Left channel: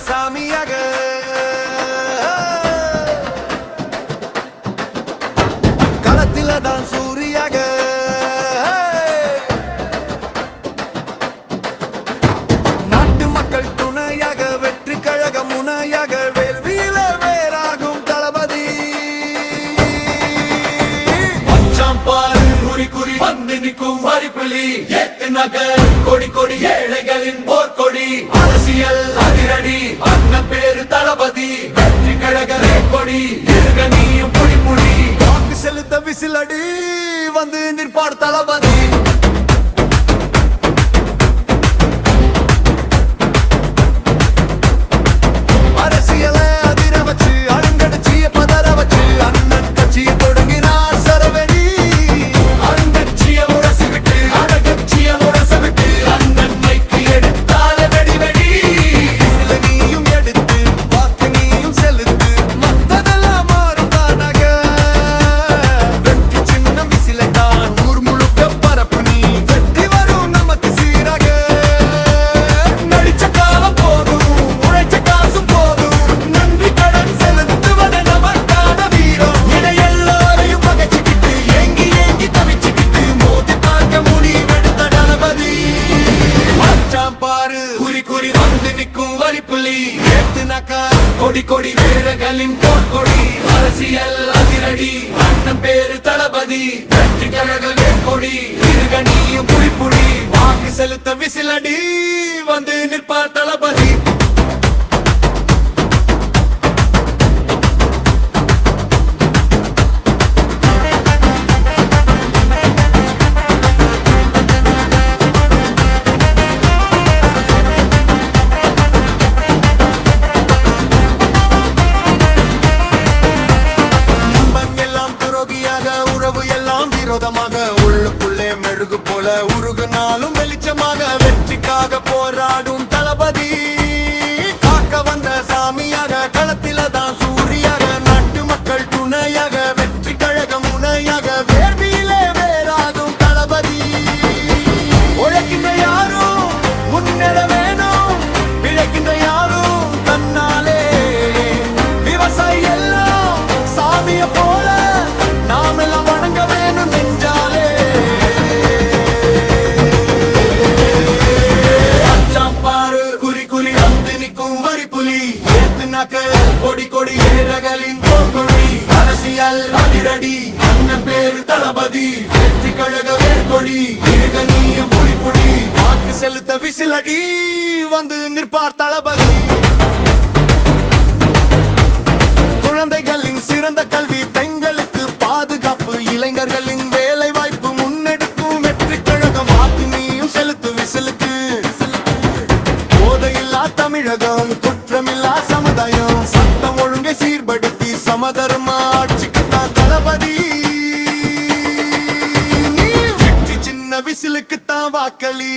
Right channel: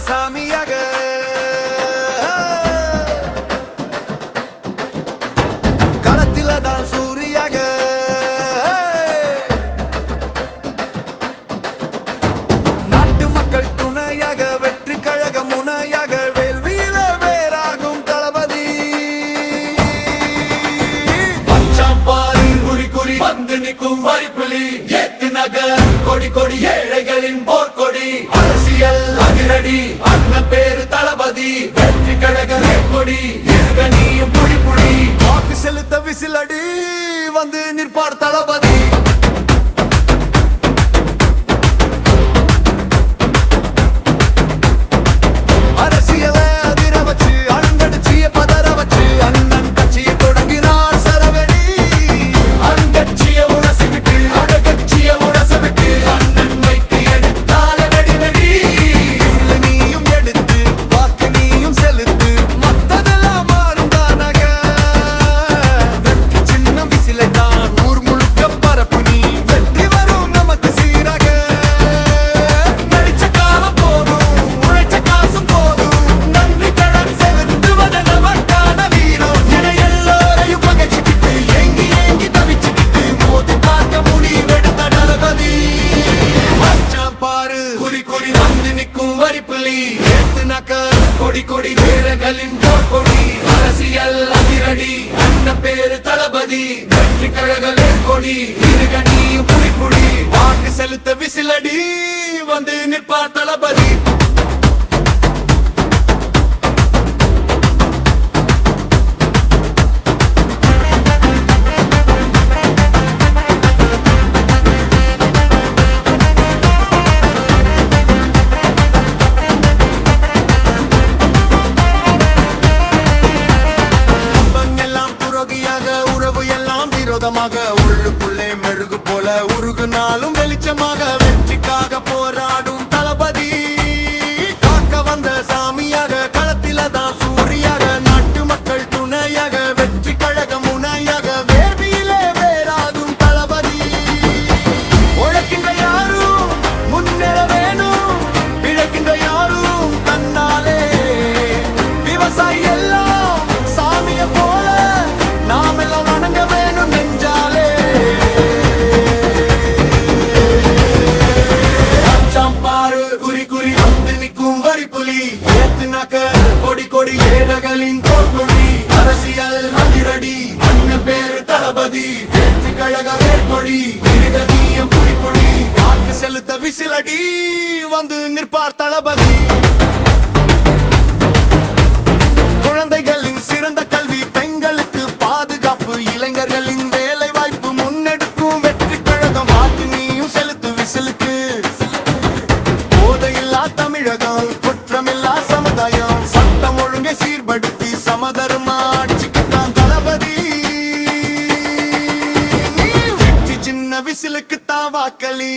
சாமியாக களத்தில தான் சூரியாக நாட்டு மக்கள் துணையாக வெற்றி கழக முனையாக வேள்வியில வேறாகும் தளபதி பச்சாம்பாறு குறி குறி வந்து நிற்கும் வரிப்புலி ஏத்து நகர் கொடி கொடி ஏழைகளின் போர்க்கொடி அரசியல் அதிரடி அண்ணன் பேரு தளபதி வெற்றி கழக கொடி இருகனியும் புடி புடி வாக்கு செலுத்த விசிலடி வந்து நிற்பார் தளபதி அரசியல அதிர வச்சு அழுங்கடிச்சிய பதற வச்சு அண்ணன் கட்சியை தொடங்கினார் சரவெடி அருங்கட்சிய உரசி விட்டு அழகட்சிய உரச விட்டு அண்ணன் மைக்கு எடுத்தாலே வெடி வெடி விசில நீயும் எடுத்து வாக்கு நீயும் செலுத்து மத்ததெல்லாம் மாறும் தானாக வெற்றி சின்னம் விசிலை தான் ஊர் முழுக்க பரப்பு நீ வெற்றி வரும் நமக்கு சீராக நடிச்ச காலம் போதும் உழைச்ச காசும் போதும் நன்றி கடன் செலுத்துவது நமக்கான வீரம் என எல்லோரையும் பகைச்சுக்கிட்டு ஏங்கி ஏங்கி தவிச்சுக்கிட்டு மோதி பார்க்க முடிவெடுத்த தளபதி மச்சான் பாரு குறி குறி வந்து நிற்கும் வரிப்புலி ஏத்துனாக்கா கொடி கொடி வீரர்களின் போர்க்கொடி அரசியல் அதிரடி அண்ணன் பேரு தளபதி வெற்றி கழக வேர்க்கொடி இருகனியும் புடி புடி வாக்கு செலுத்த விசிலடி வந்து நிற்பார் தளபதி உறவு எல்லாம் விரோதமாக உள்ளுக்குள்ளே மெழுகு போல உருகுனாலும் வெளிச்சமாக வெற்றிக்காக போராடும் தளபதி காக்க வந்த சாமியாக களத்தில தான் சூரியாக நாட்டு மக்கள் துணையாக வெற்றி கழக முனையாக வேர்வியிலே வேறாகும் தளபதி உழைக்கின்ற யாரும் முன்னேற வேணும் பிழைக்கின்ற யாரும் தன்னாலே விவசாயி எல்லாம் சாமிய போல நாம் எல்லாம் வணங்க வேணும் நெஞ்சாலே பாரு குறி குறி வந்து நிற்கும் வரிப்புலி ஏத்துனாக்க கொடி கொடி வீரர்களின் போர்க்கொடி அரசியல் அதிரடி அண்ணன் பேரு தளபதி வெற்றி கழக வேர்க்கொடி இருகனியும் புடி புடி வாக்கு செலுத்த விசிலடி வந்து நிற்பார் தளபதி குழந்தைகளின் சிறந்த கல்வி பெண்களுக்கு பாதுகாப்பு இளைஞர்களின் வேலை வாய்ப்பு முன்னெடுக்கும் வெற்றி கழகம் வாக்கு நீயும் செலுத்து விசிலுக்கு போதையில்லா தமிழகம் குற்றமில்லா சமுதாயம் சட்டம் ஒழுங்கை சீர்படுத்தி சமதர்ம ஆட்சிக்குத்தான் தளபதி நீ வெற்றி சின்ன விசிலுக்குத்தான் வாக்களி